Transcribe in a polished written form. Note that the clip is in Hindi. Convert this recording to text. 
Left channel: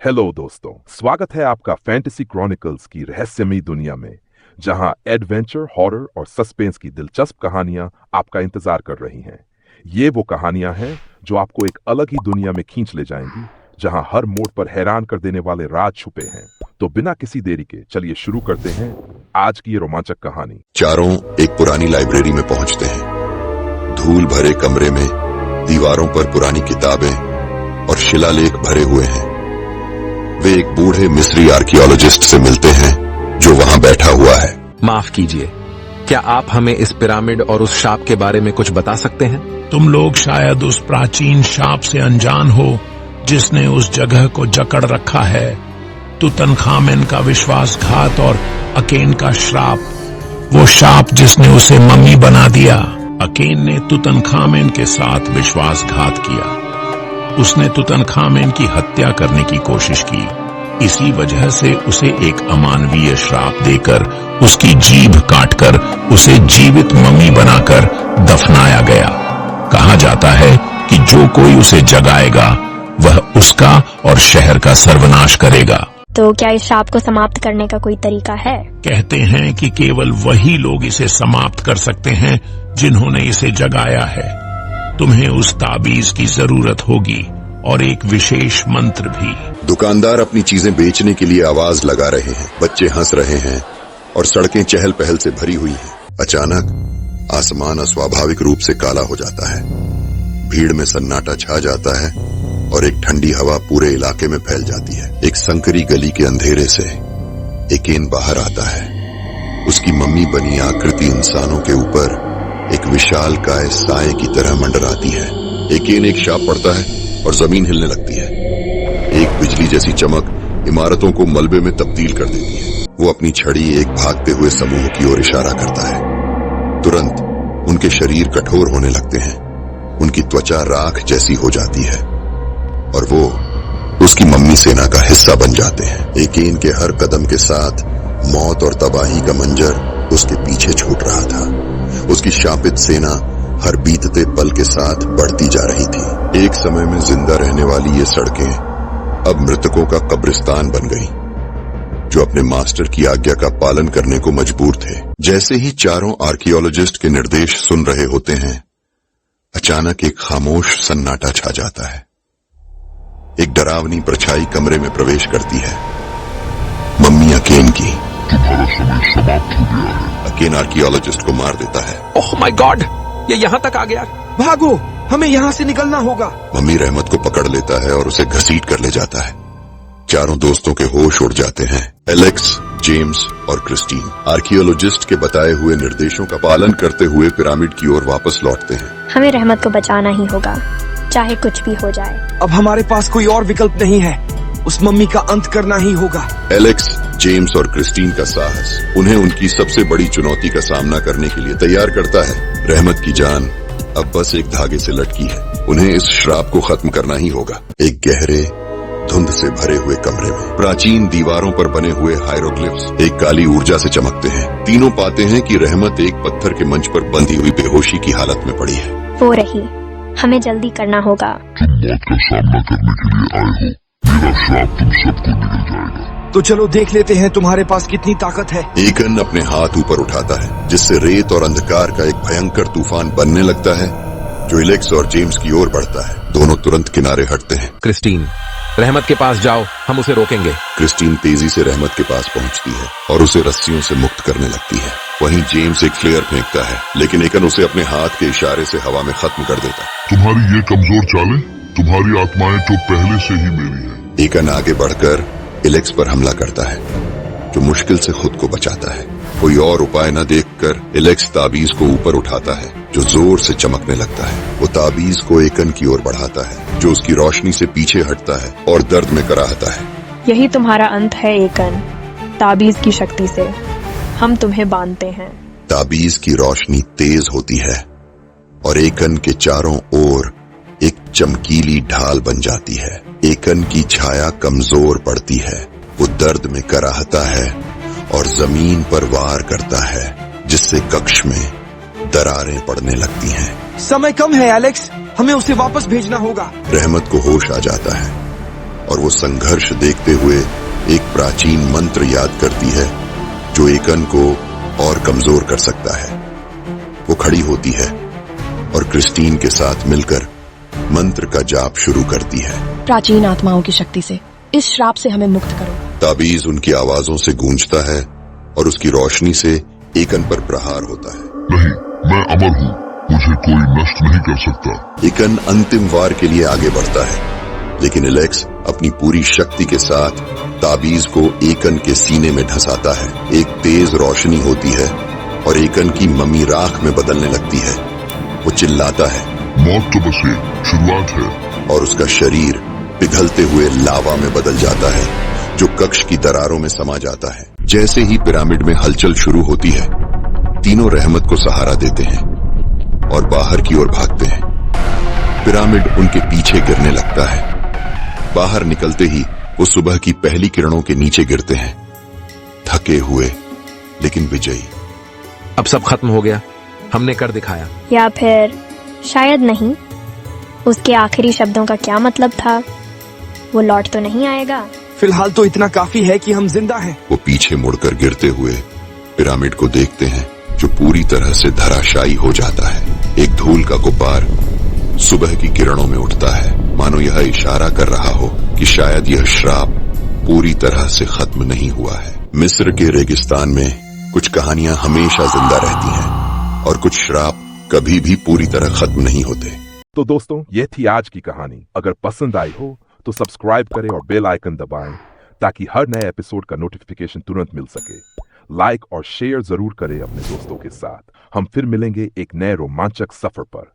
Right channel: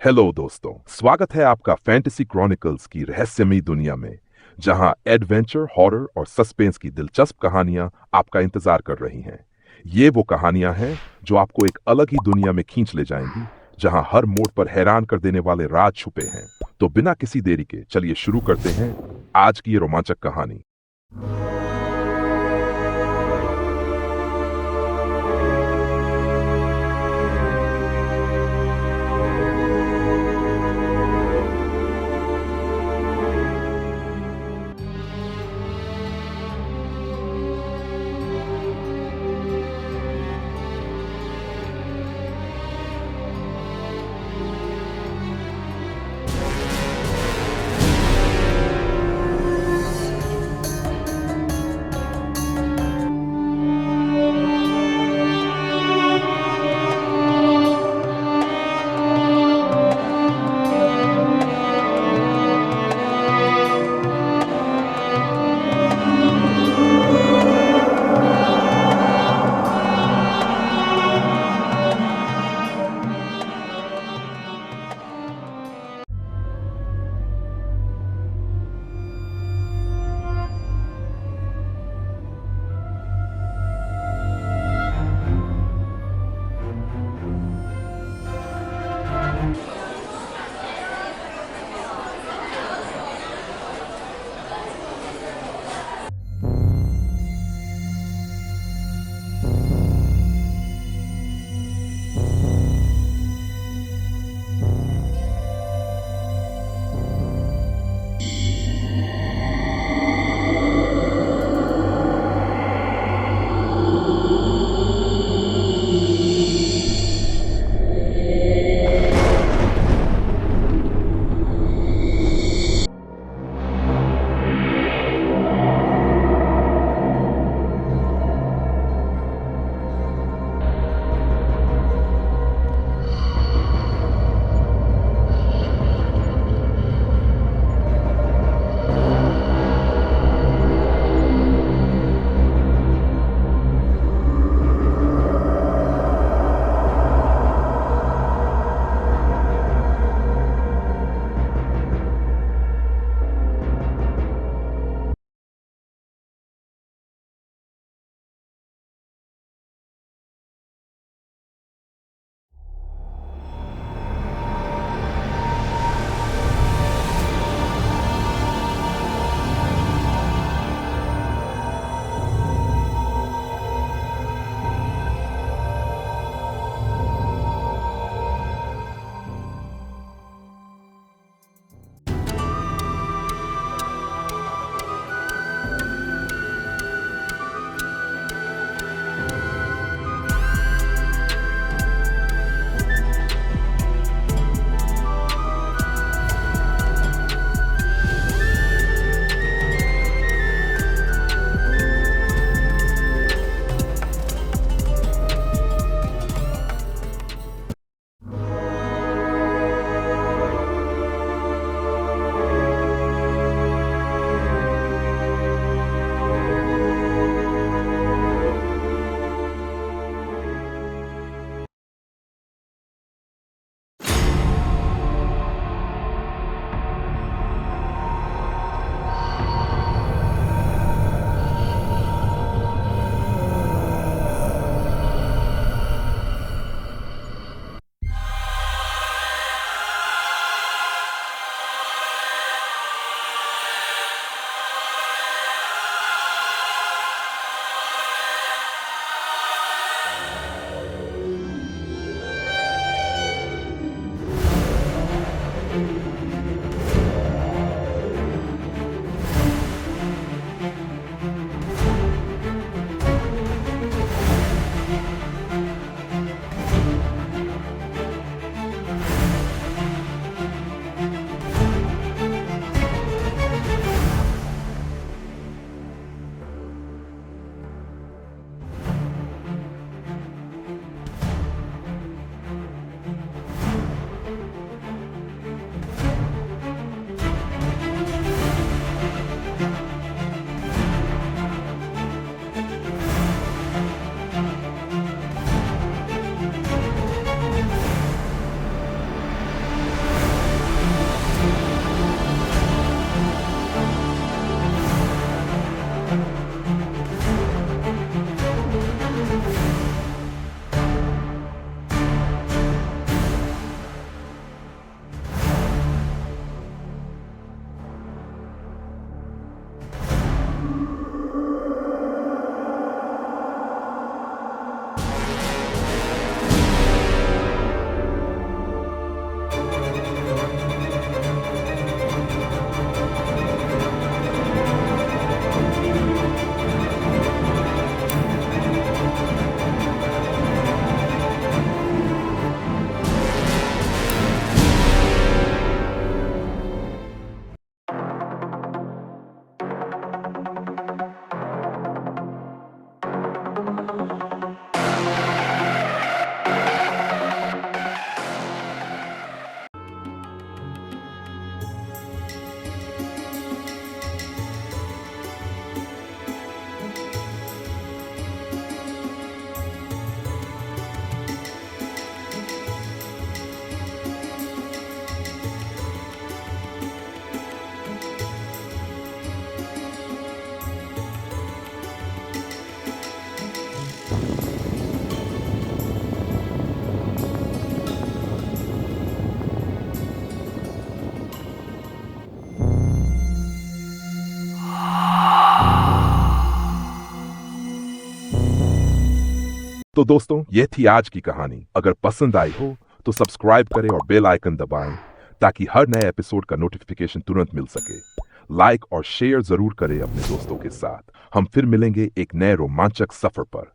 हेलो दोस्तों, स्वागत है आपका फैंटेसी क्रॉनिकल्स की रहस्यमयी दुनिया में, जहां एडवेंचर, हॉरर और सस्पेंस की दिलचस्प कहानियां आपका इंतजार कर रही हैं। ये वो कहानियां हैं जो आपको एक अलग ही दुनिया में खींच ले जाएंगी, जहां हर मोड़ पर हैरान कर देने वाले राज छुपे हैं। तो बिना किसी देरी के चलिए शुरू करते हैं आज की ये रोमांचक कहानी। चारों एक पुरानी लाइब्रेरी में पहुंचते हैं। धूल भरे कमरे में दीवारों पर पुरानी किताबें और शिलालेख भरे हुए हैं। वे एक बूढ़े मिस्री आर्कियोलॉजिस्ट से मिलते हैं जो वहां बैठा हुआ है। माफ कीजिए, क्या आप हमें इस पिरामिड और उस शाप के बारे में कुछ बता सकते हैं? तुम लोग शायद उस प्राचीन शाप से अनजान हो जिसने उस जगह को जकड़ रखा है। तुतनखामेन का विश्वासघात और अकेन का श्राप, वो शाप जिसने उसे मम्मी बना दिया। अकेन ने तुतनखामेन के साथ विश्वासघात किया। उसने तुतनखामेन की हत्या करने की कोशिश की। इसी वजह से उसे एक अमानवीय श्राप देकर, उसकी जीभ काटकर, उसे जीवित मम्मी बनाकर दफनाया गया। कहा जाता है कि जो कोई उसे जगाएगा वह उसका और शहर का सर्वनाश करेगा। तो क्या इस शाप को समाप्त करने का कोई तरीका है? कहते हैं कि केवल वही लोग इसे समाप्त कर सकते हैं जिन्होंने इसे जगाया है। तुम्हें उस ताबीज की जरूरत होगी और एक विशेष मंत्र भी। दुकानदार अपनी चीजें बेचने के लिए आवाज लगा रहे हैं, बच्चे हंस रहे हैं और सड़कें चहल पहल से भरी हुई हैं। अचानक आसमान अस्वाभाविक रूप से काला हो जाता है। भीड़ में सन्नाटा छा जाता है और एक ठंडी हवा पूरे इलाके में फैल जाती है। एक संकरी गली के अंधेरे से एकेन बाहर आता है। उसकी मम्मी बनी आकृति इंसानों के ऊपर एक विशाल काय साए की तरह मंडराती है। एकेन एक शाप पड़ता है और जमीन हिलने लगती है। एक बिजली जैसी चमक इमारतों को मलबे में तब्दील कर देती है। वो अपनी छड़ी एक भागते हुए समूह की ओर इशारा करता है। तुरंत उनके शरीर कठोर होने लगते हैं। उनकी त्वचा राख जैसी हो जाती है और वो उसकी मम्मी सेना का हिस्सा बन जाते हैं। एकेन के हर कदम के साथ मौत और तबाही का मंजर उसके पीछे छूट रहा था। उसकी शापित सेना हर बीतते पल के साथ बढ़ती जा रही थी। एक समय में जिंदा रहने वाली ये सड़कें अब मृतकों का कब्रिस्तान बन गई, जो अपने मास्टर की आज्ञा का पालन करने को मजबूर थे। जैसे ही चारों आर्कियोलॉजिस्ट के निर्देश सुन रहे होते हैं, अचानक एक खामोश सन्नाटा छा जाता है। एक डरावनी परछाई कमरे में प्रवेश करती है। मम्मी अकेन की। तुम्हारा समय समाप्त हो गया है। अकेन आर्कियोलॉजिस्ट को मार देता है। ओह माय गॉड, ये यहाँ तक आ गया। भागो, हमें यहाँ से निकलना होगा। मम्मी रहमत को पकड़ लेता है और उसे घसीट कर ले जाता है। चारों दोस्तों के होश उड़ जाते हैं। एलेक्स, जेम्स और क्रिस्टीन आर्कियोलॉजिस्ट के बताए हुए निर्देशों का पालन करते हुए पिरामिड की ओर वापस लौटते हैं। हमें रहमत को बचाना ही होगा, चाहे कुछ भी हो जाए। अब हमारे पास कोई और विकल्प नहीं है। उस मम्मी का अंत करना ही होगा। एलेक्स, जेम्स और क्रिस्टीन का साहस उन्हें उनकी सबसे बड़ी चुनौती का सामना करने के लिए तैयार करता है। रहमत की जान अब बस एक धागे से लटकी है। उन्हें इस श्राप को खत्म करना ही होगा। एक गहरे धुंध से भरे हुए कमरे में प्राचीन दीवारों पर बने हुए हायरोग्लिफ्स एक काली ऊर्जा से चमकते हैं। तीनों पाते हैं कि रहमत एक पत्थर के मंच पर बंधी हुई बेहोशी की हालत में पड़ी है। वो रही, हमें जल्दी करना होगा। तुम मौत का सामना करने के लिए आए हो। मेरा श्राप तुम सबको निकल जाएगा। तो चलो देख लेते हैं तुम्हारे पास कितनी ताकत है। एकेन अपने हाथ ऊपर उठाता है, जिससे रेत और अंधकार का एक भयंकर तूफान बनने लगता है, जो एलेक्स और जेम्स की ओर बढ़ता है। दोनों तुरंत किनारे हटते हैं। क्रिस्टीन, रहमत के पास जाओ, हम उसे रोकेंगे। क्रिस्टीन तेजी से रहमत के पास पहुंचती है और उसे रस्सियों से मुक्त करने लगती है। वहीं जेम्स एक फ्लेयर फेंकता है, लेकिन एकेन उसे अपने हाथ के इशारे से हवा में खत्म कर देता है। तुम्हारी ये कमजोर चालें, तुम्हारी आत्माएं तो पहले से ही मेरी है। एकेन आगे बढ़कर एलेक्स पर हमला करता है, जो मुश्किल से खुद को बचाता है। कोई और उपाय न देखकर एलेक्स ताबीज को ऊपर उठाता है, जो जोर से चमकने लगता है। वो ताबीज को एकेन की ओर बढ़ाता है, जो उसकी रोशनी से पीछे हटता है और दर्द में कराहता है। यही तुम्हारा अंत है एकेन। ताबीज की शक्ति से हम तुम्हें बांधते हैं। ताबीज की रोशनी तेज होती है और एकेन के चारों ओर एक चमकीली ढाल बन जाती है। एकेन की छाया कमजोर पड़ती है। वो दर्द में कराहता है और जमीन पर वार करता है, जिससे कक्ष में दरारें पड़ने लगती हैं। समय कम है एलेक्स, हमें उसे वापस भेजना होगा। रहमत को होश आ जाता है और वो संघर्ष देखते हुए एक प्राचीन मंत्र याद करती है जो एकन को और कमजोर कर सकता है। वो खड़ी होती है और क्रिस्टीन के साथ मिलकर मंत्र का जाप शुरू करती है। प्राचीन आत्माओं की शक्ति से इस श्राप से हमें मुक्त करो। ताबीज उनकी आवाजों से गूंजता है और उसकी रोशनी से एकन पर प्रहार होता है। नहीं, मैं अमर हूँ, मुझे कोई नष्ट नहीं कर सकता। एकन अंतिम वार के लिए आगे बढ़ता है, लेकिन एलेक्स अपनी पूरी शक्ति के साथ ताबीज को एकन के सीने में ढसाता है। एक तेज रोशनी होती है और एकन की मम्मी राख में बदलने लगती है। वो चिल्लाता है, मौत तो बस एक शुरुआत है। और उसका शरीर पिघलते हुए लावा में बदल जाता है जो कक्ष की दरारों में समा जाता है। जैसे ही पिरामिड में हलचल शुरू होती है, तीनों रहमत को सहारा देते हैं और बाहर की ओर भागते हैं। पिरामिड उनके पीछे गिरने लगता है। बाहर निकलते ही वो सुबह की पहली किरणों के नीचे गिरते हैं, थके हुए लेकिन विजयी। अब सब खत्म हो गया, हमने कर दिखाया। या फिर शायद नहीं। उसके आखिरी शब्दों का क्या मतलब था? वो लौट तो नहीं आएगा। फिलहाल तो इतना काफी है कि हम जिंदा हैं। वो पीछे मुड़कर गिरते हुए पिरामिड को देखते हैं जो पूरी तरह से धराशायी हो जाता है। एक धूल का गुब्बार सुबह की किरणों में उठता है, मानो यह इशारा कर रहा हो कि शायद यह श्राप पूरी तरह से खत्म नहीं हुआ है। मिस्र के रेगिस्तान में कुछ कहानियां हमेशा जिंदा रहती हैं और कुछ श्राप कभी भी पूरी तरह खत्म नहीं होते। तो दोस्तों, यह थी आज की कहानी। अगर पसंद आई हो तो सब्सक्राइब करें और बेल आइकन दबाएं ताकि हर नए एपिसोड का नोटिफिकेशन तुरंत मिल सके। लाइक और शेयर जरूर करें अपने दोस्तों के साथ। हम फिर मिलेंगे एक नए रोमांचक सफर पर।